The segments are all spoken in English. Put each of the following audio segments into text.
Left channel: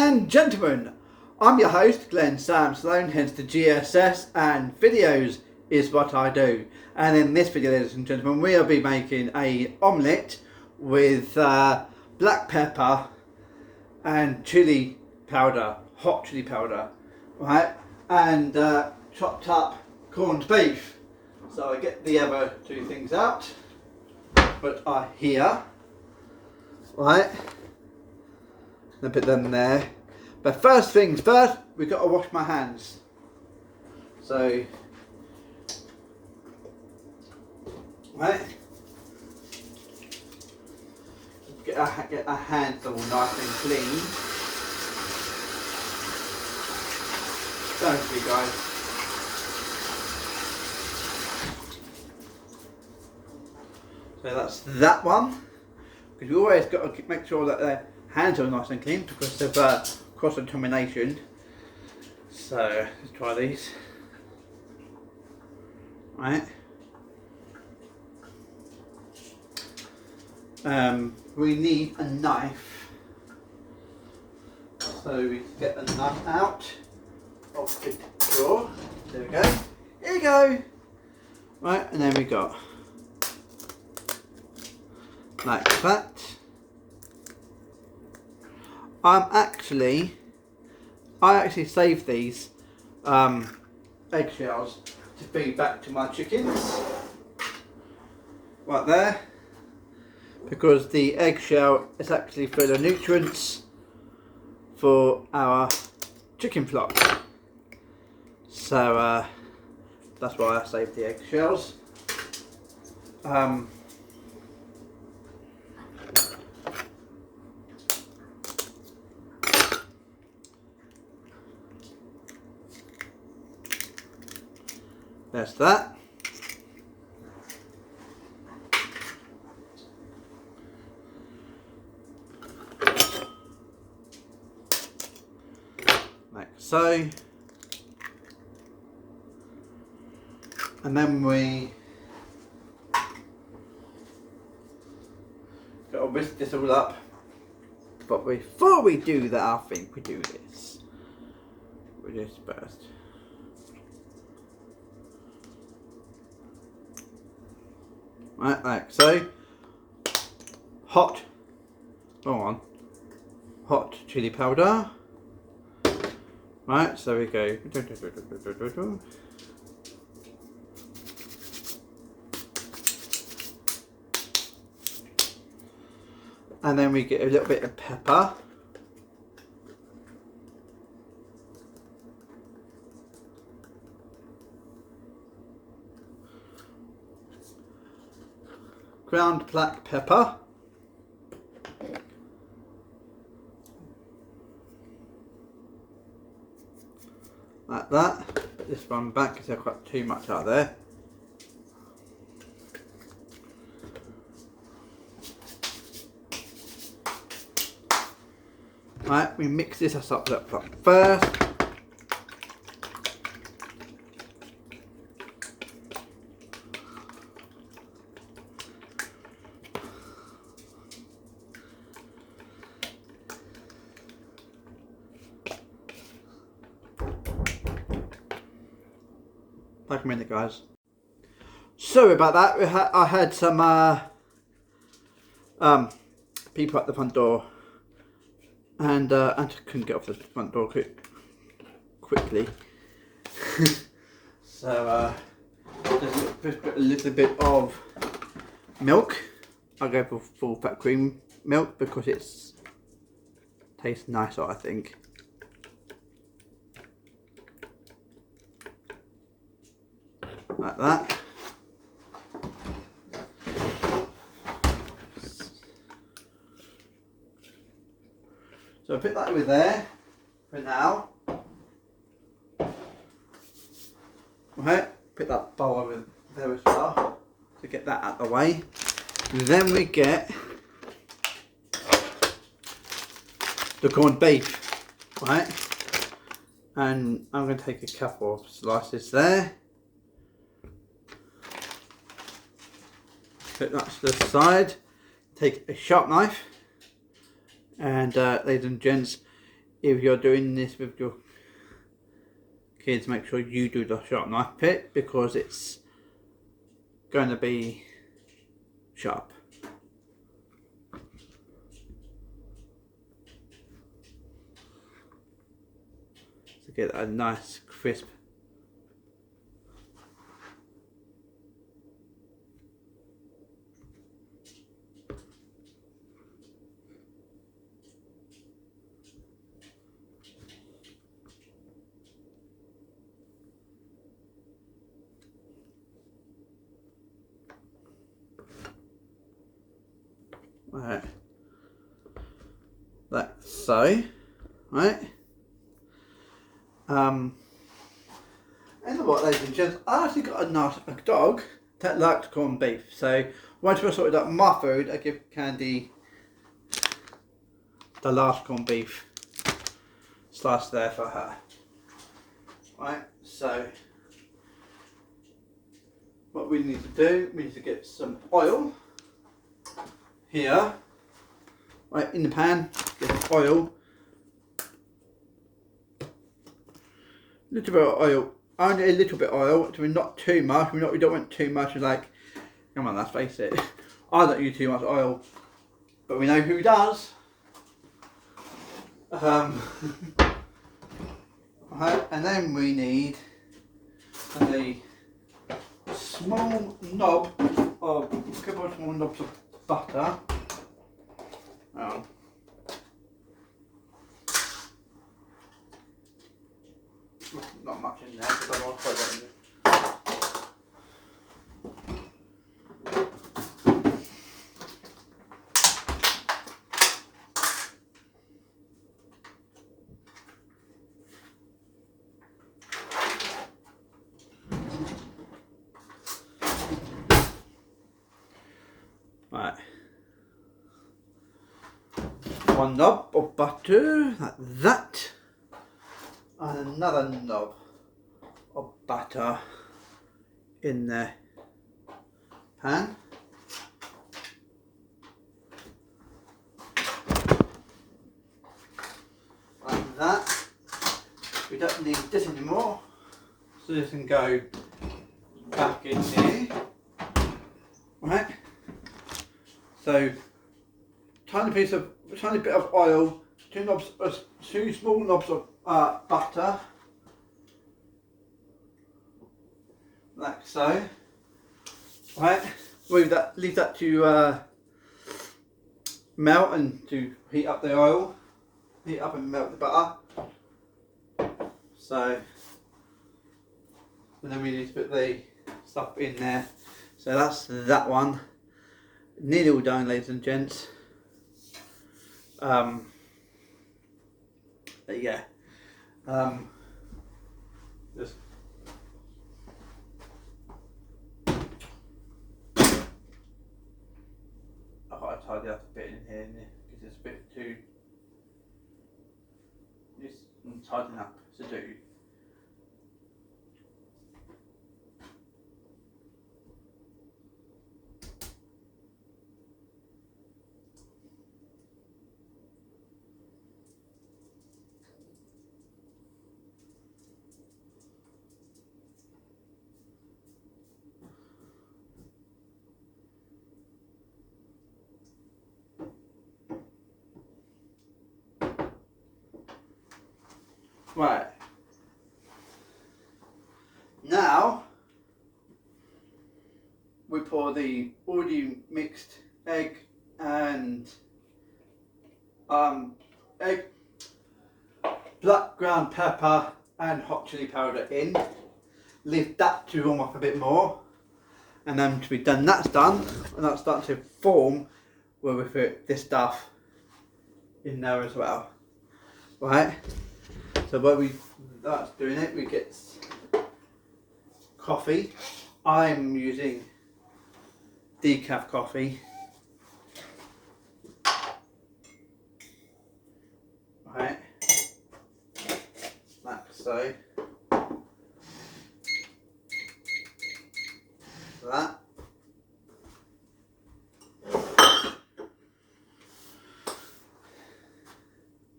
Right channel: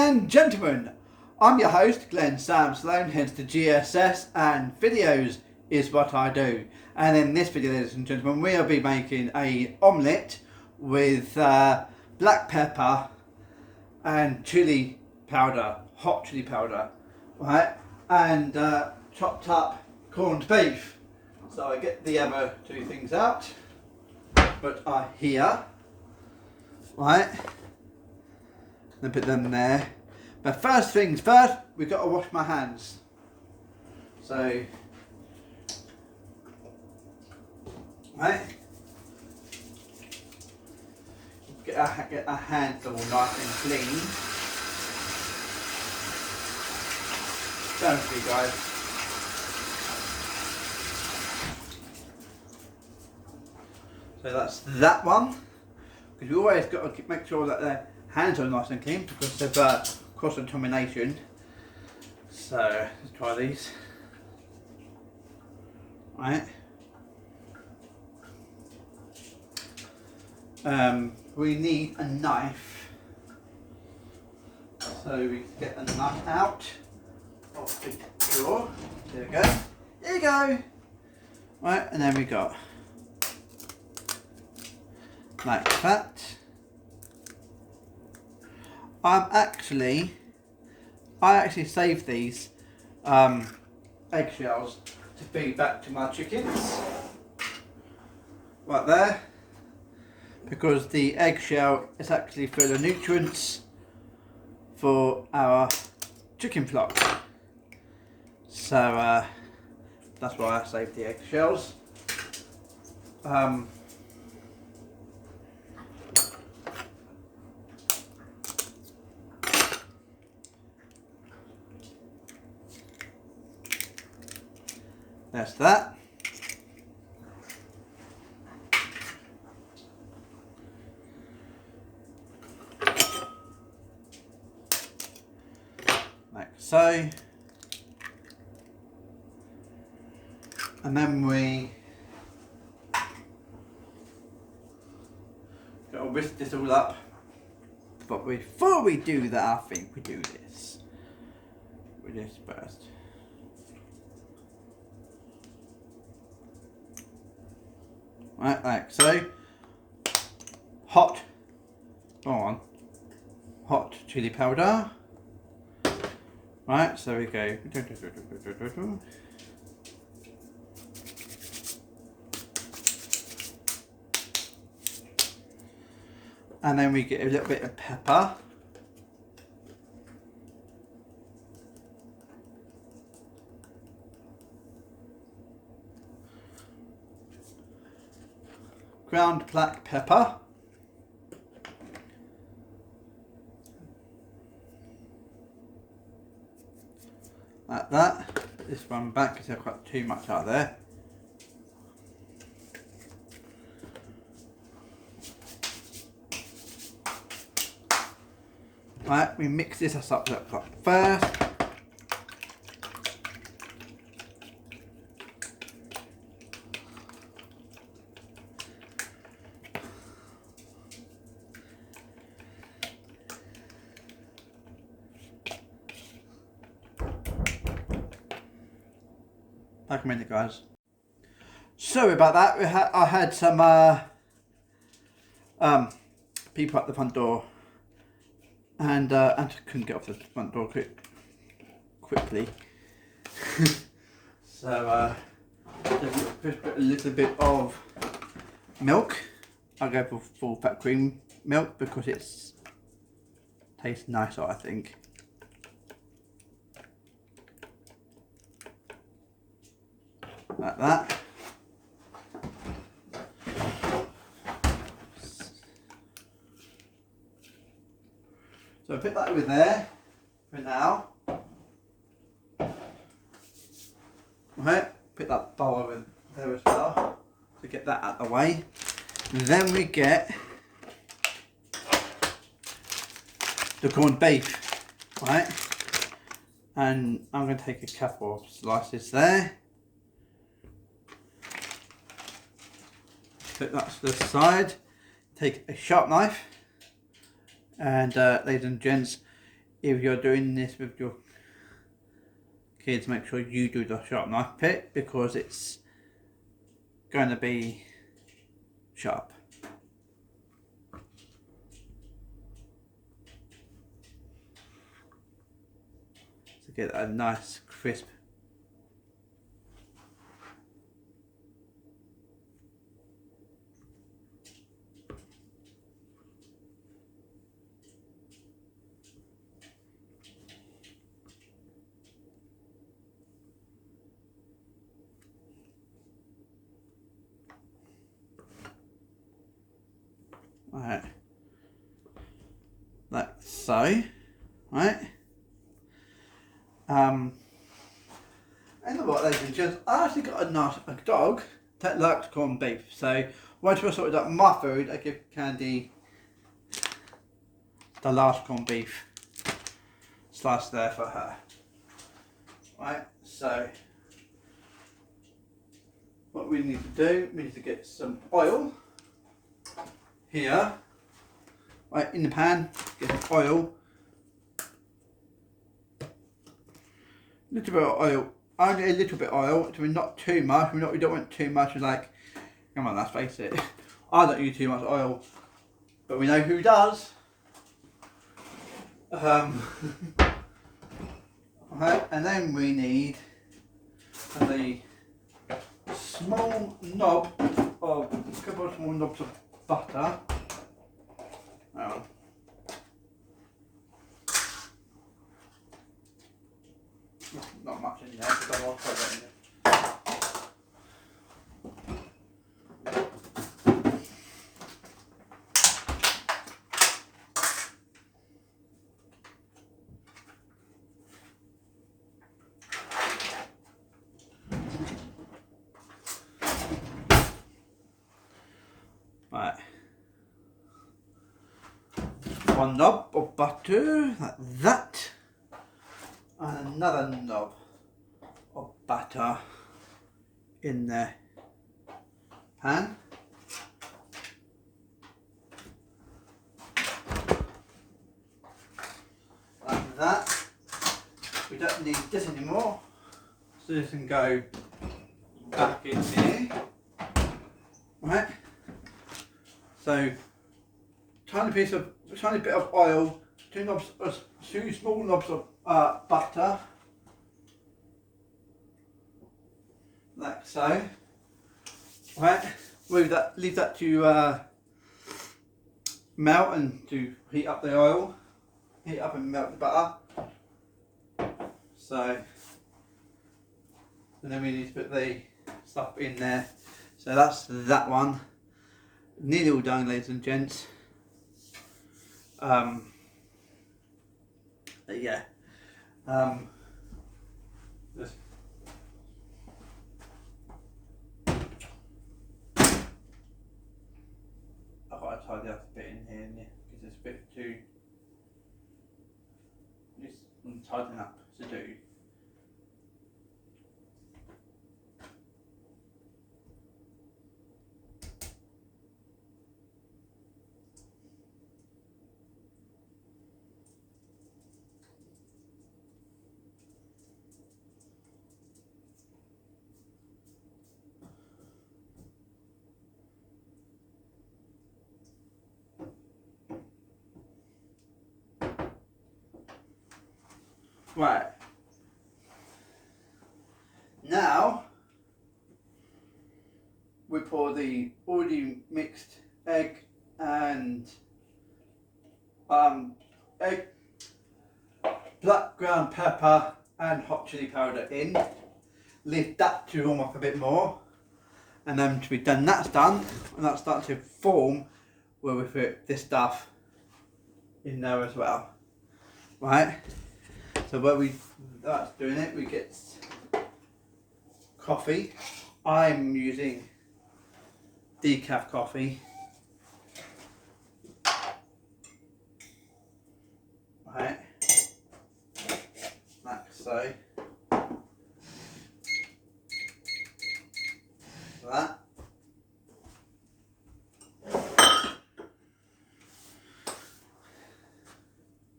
and gentlemen, I'm your host, Glenn Sam Sloan, hence the GSS, and videos is what I do. And in this video, ladies and gentlemen, we'll be making a omelette with black pepper and chili powder, hot chili powder, right? And chopped up corned beef. So I get the other two things out, but are here, right? Then put them there. But first things first, we've got to wash my hands. So, right, get our hands all nice and clean. Thank you, guys. So that's that one. Because we always got to make sure that their hands are nice and clean because of cross-contamination. So let's try these. Right. We need a knife. So we get a knife out of the drawer. There we go. Here you go. Right, and then we got like that. I actually saved these eggshells to feed back to my chickens, right there, because the eggshell is actually full of nutrients for our chicken flock. So that's why I saved the eggshells. That's that. Like so. And then we got to whisk this all up. But before we do that, I think we do this. We do this first. Right, like so. Hot chili powder. Right, so we go. And then we get a little bit of pepper. Ground black pepper. Like that. Put this one back because I've got too much out there. Right, we mix this up first. Like a minute, guys. Sorry about that. I had some people at the front door, and I couldn't get off the front door quickly. So just put a little bit of milk. I go for full fat cream milk because it's tastes nicer, I think. Like that. So I put that over there for now. Right, put that bowl over there as well to get that out of the way. Then we get the corned beef, right? And I'm going to take a couple of slices there. Put that to the side. Take a sharp knife, and ladies and gents, if you're doing this with your kids, make sure you do the sharp knife bit because it's going to be sharp. To get a nice crisp. Right, like so, right. And what, ladies and gents, I actually got a dog that likes corned beef. So once we've sorted out my food, I give Candy the last corned beef slice there for her. Right, so what we need to do, we need to get some oil here, right, in the pan, get some oil, a little bit of oil, only a little bit of oil, so not too much, we don't want too much, it's like, come on, let's face it, I don't use too much oil, but we know who does. Right, and then we need a small knob of, a couple of small knobs of butter. Not much in there because I want to put it in there. Right. One knob of butter, like that. And another knob of butter in the pan. Like that. We don't need this anymore, so this can go back in here. Right. So tiny bit of oil, two small knobs of butter, like so. Right, leave that to melt and to heat up the oil, heat up and melt the butter. So, and then we need to put the stuff in there. So that's that one. Nearly all done, ladies and gents. Yeah. Just I thought I'd tidy up a bit in here because it's a bit too. It's tidying up to do. Right. Now we pour the already mixed egg and black ground pepper and hot chili powder in. Leave that to warm up a bit more, and then to be done, that's done, and that's starting to form where we put this stuff in there as well. Right. So while that's doing it, we get coffee. I'm using decaf coffee. Right, like so. That.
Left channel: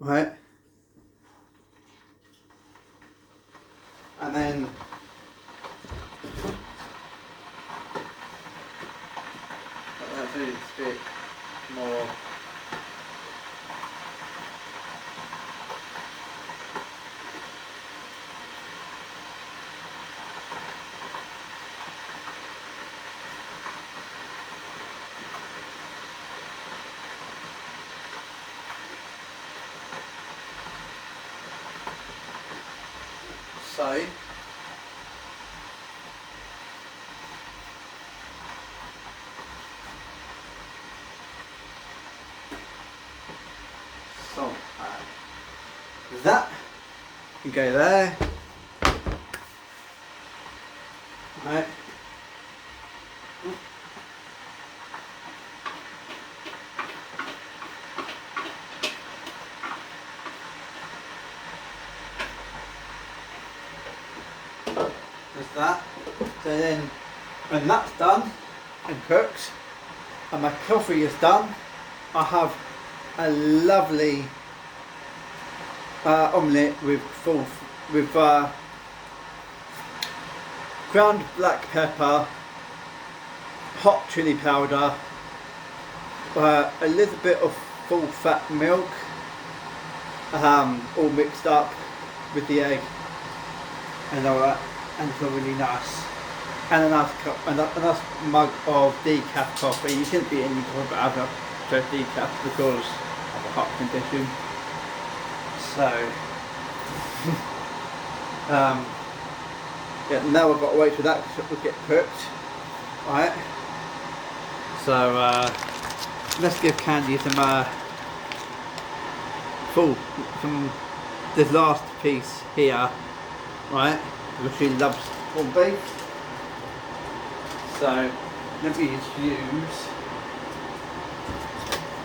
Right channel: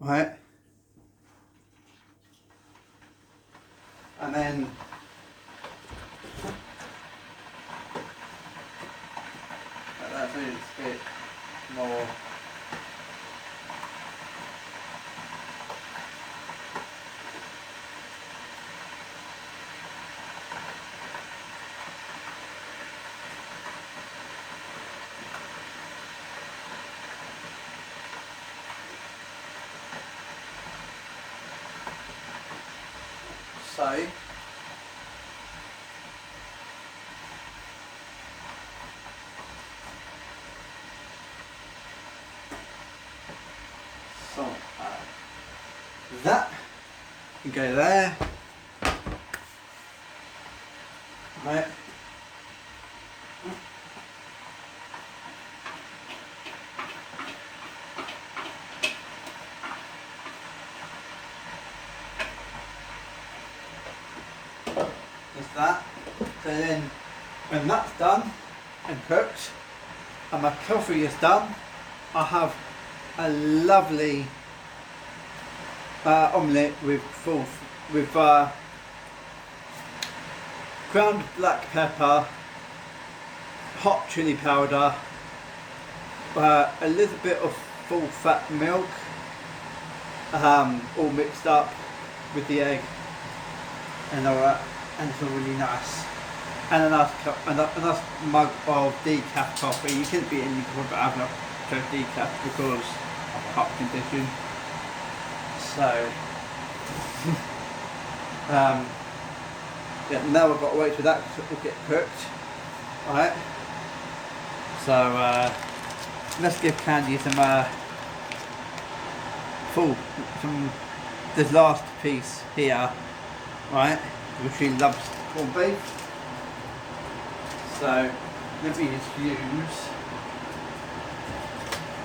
Right. So that can go there. Right. Just that. So then when that's done and cooked and my coffee is done, I have a lovely omelette with ground black pepper, hot chili powder, a little bit of full fat milk, all mixed up with the egg and all that, and it's all really nice. And a nice mug of decaf coffee. You shouldn't be any coffee, but I've got decaf because of the heart condition. So yeah, now I've got to wait for that to get cooked. Right. So let's give Candy some from the last piece here, right? Because she loves corned beef. So let me just use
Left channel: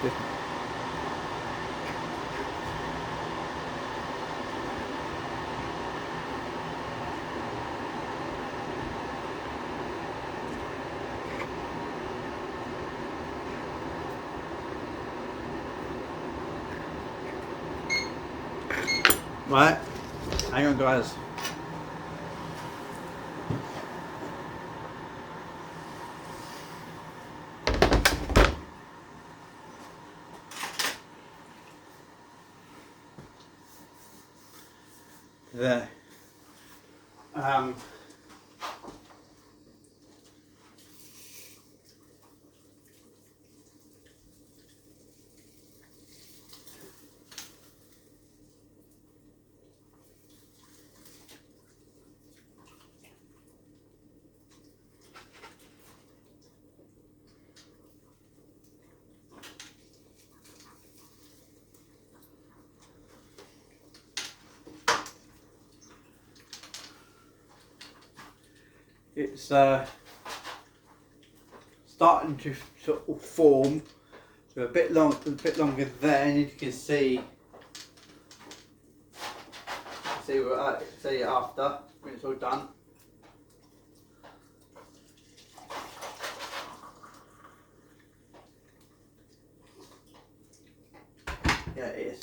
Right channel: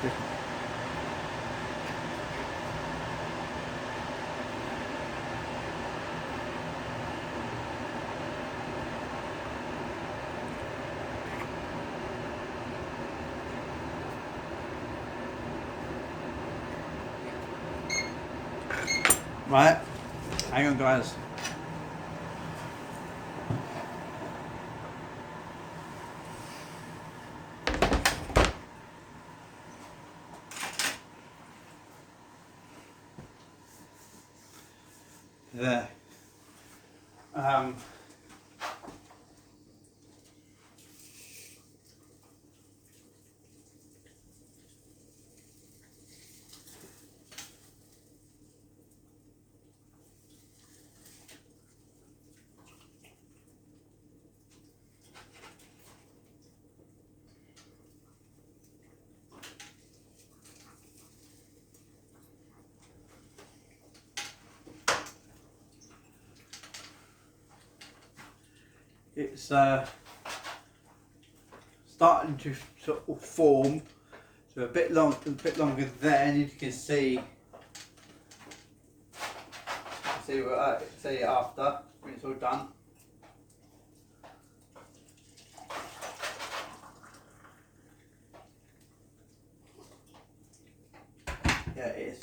this. Right, hang on guys. There. It's starting to sort of form, so a bit longer there, and you can see after when it's all done. Yeah, it is.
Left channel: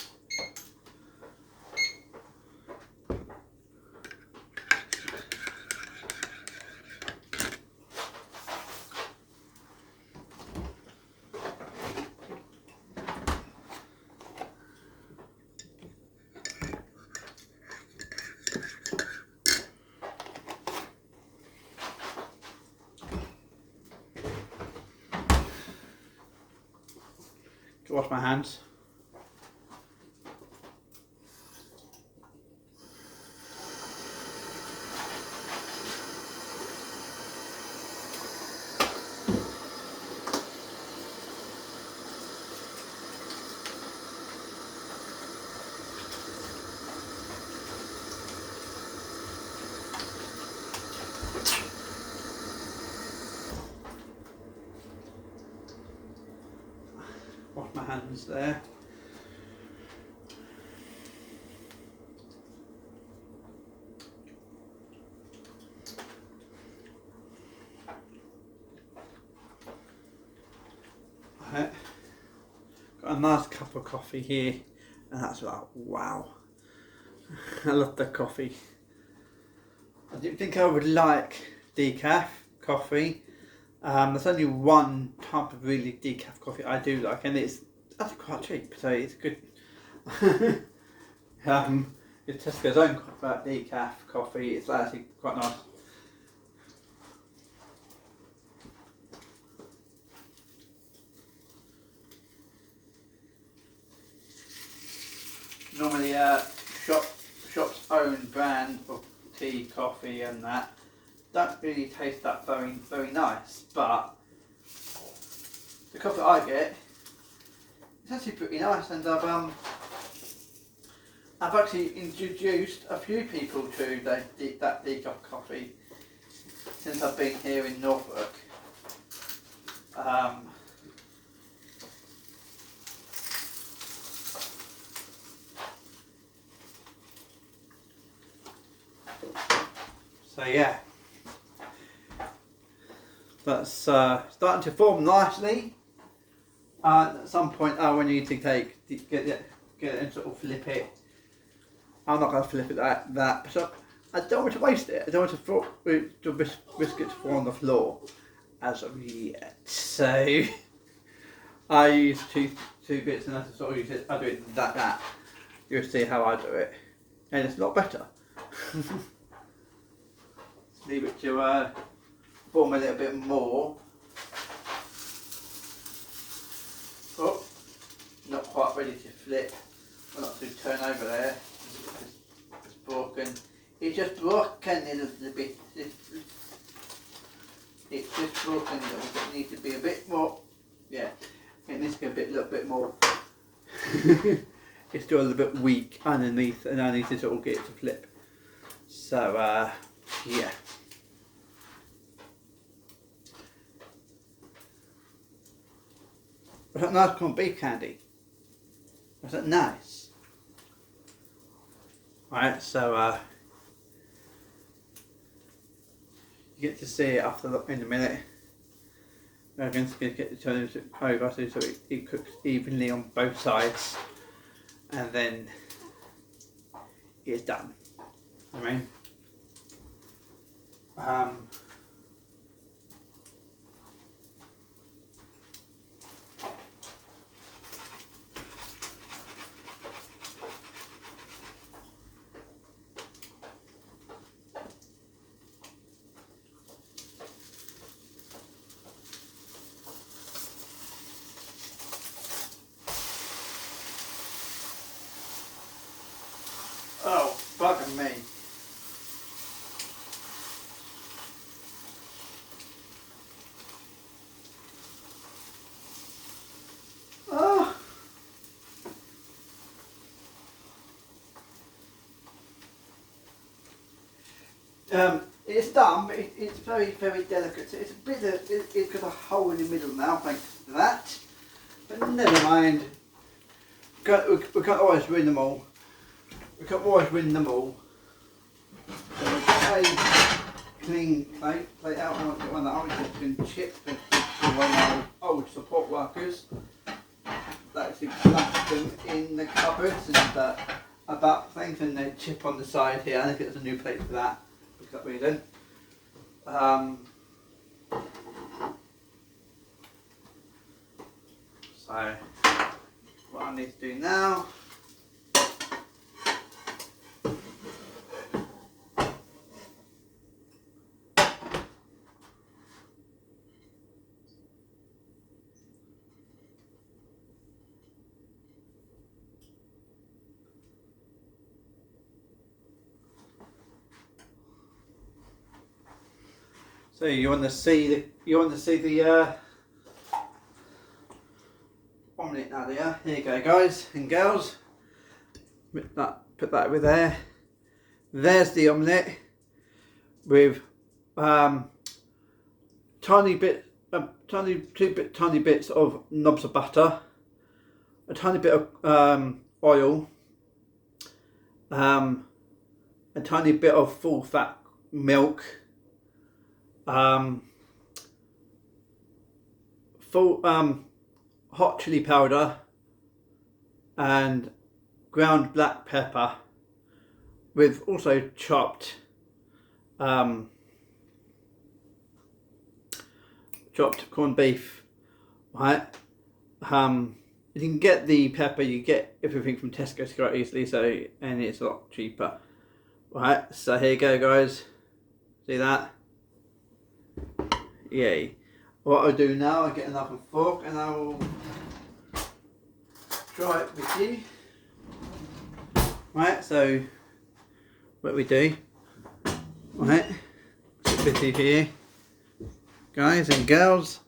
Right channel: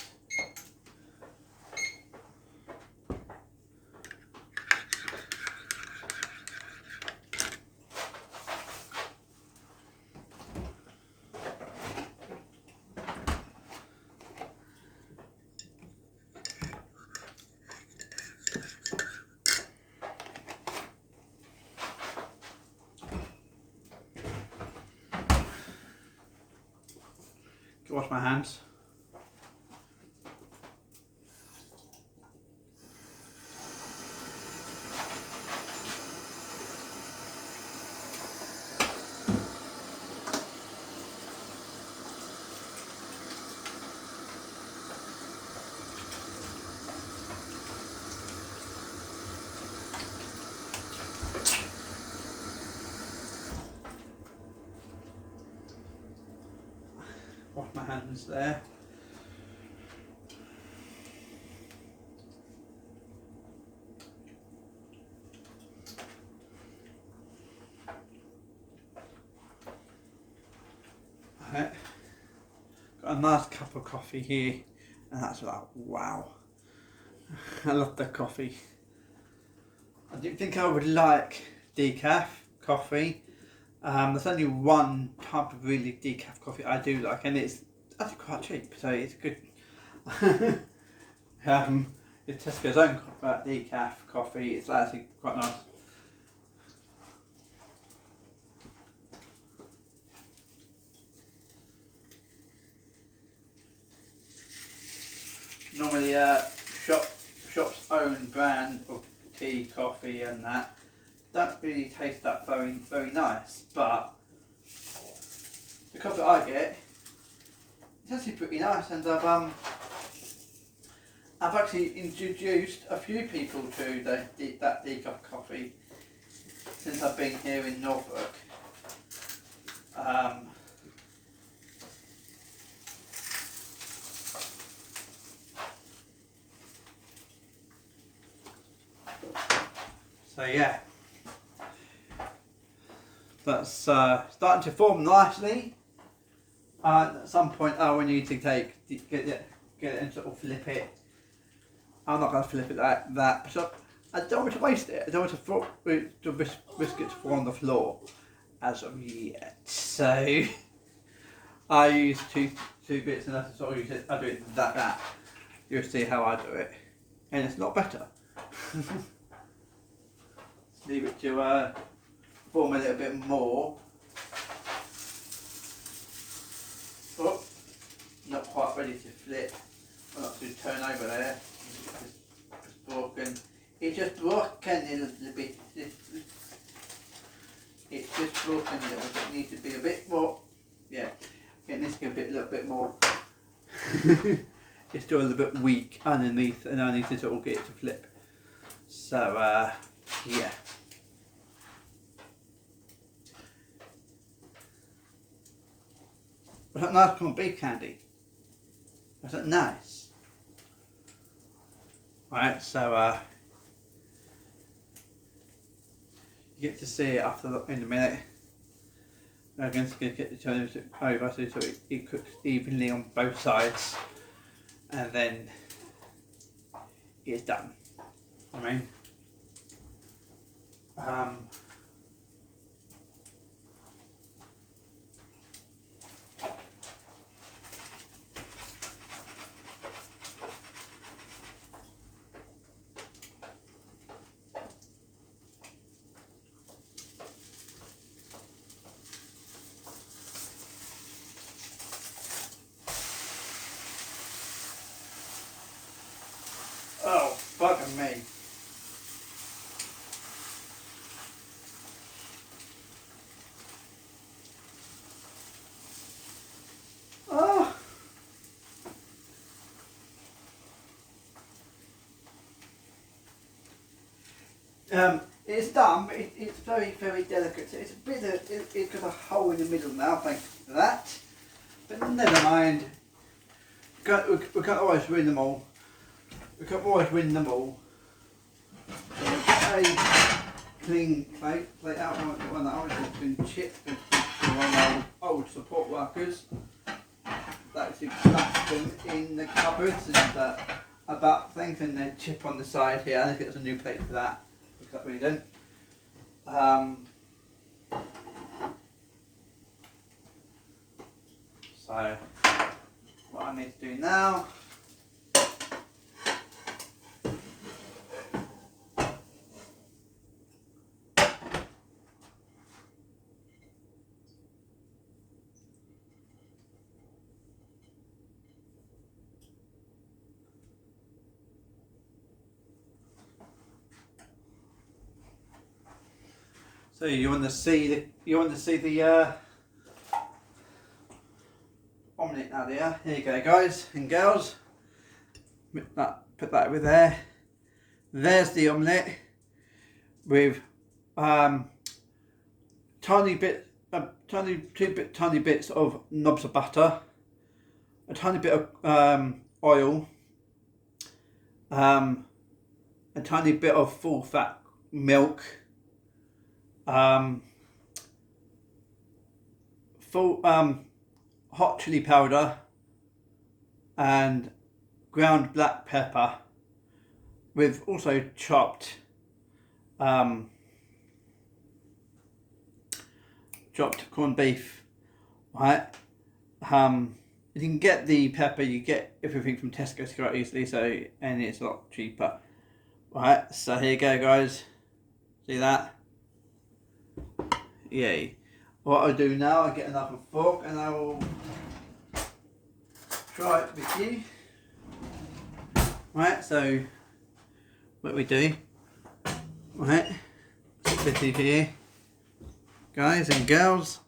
Wash my hands. Wash my hands there. Right. Got a nice cup of coffee here, and that's like, wow. I love the coffee. I didn't think I would like decaf coffee. There's only one type of really decaf coffee I do like, and it's actually quite cheap, so it's good. It's Tesco's own decaf coffee. It's actually quite nice. Normally, shop's own brand of tea, coffee and that don't really taste that very nice, but the coffee I get is actually pretty nice, and I've actually introduced a few people to that decaf coffee since I've been here in Norfolk. So yeah, that's starting to form nicely. At some point I will need to get it and sort of flip it. I'm not going to flip it that so I don't want to waste it. I don't want to risk it to fall on the floor as of yet. So I use two bits, and I sort of use it. I do it that. You'll see how I do it, and it's not better. Leave it to form a little bit more. Oh, not quite ready to flip. Well, not to turn over there. It's broken. It's just broken a little bit. It's just broken a little bit. It needs to be a bit more. Yeah, it needs to be a little bit more. It's still a little bit weak underneath, and I need to sort of get it to flip. So yeah. Was that nice corned beef candy? Was that nice? Right, so you get to see it in a minute. I'm going to get the turn over so it cooks evenly on both sides, and then it's done. I mean, oh, bugging me. Oh. It's done, but it's very delicate. So it's a bit it's got a hole in the middle now, thanks to that. But never mind. We can't always win them all. We can't always win them all. So a clean plate out one that has been chipped to one of our old support workers. That's left them in the cupboards and about things, and then chip on the side here. I think there's a new plate for that. Look that way then. So what I need to do now. So you want to see the omelette now, there. Here you go, guys and girls. Put that over there. There's the omelette with tiny bits of knobs of butter, a tiny bit of oil, a tiny bit of full fat milk. Full hot chili powder and ground black pepper, with also chopped corned beef, right? You can get the pepper, you get everything from Tesco quite easily, so, and it's a lot cheaper, right? So here you go, guys. See that? Yay. What I'll do now, I'll get another fork and I will try it with you. Right, so what we do, Right, it's a bitty here, guys and girls.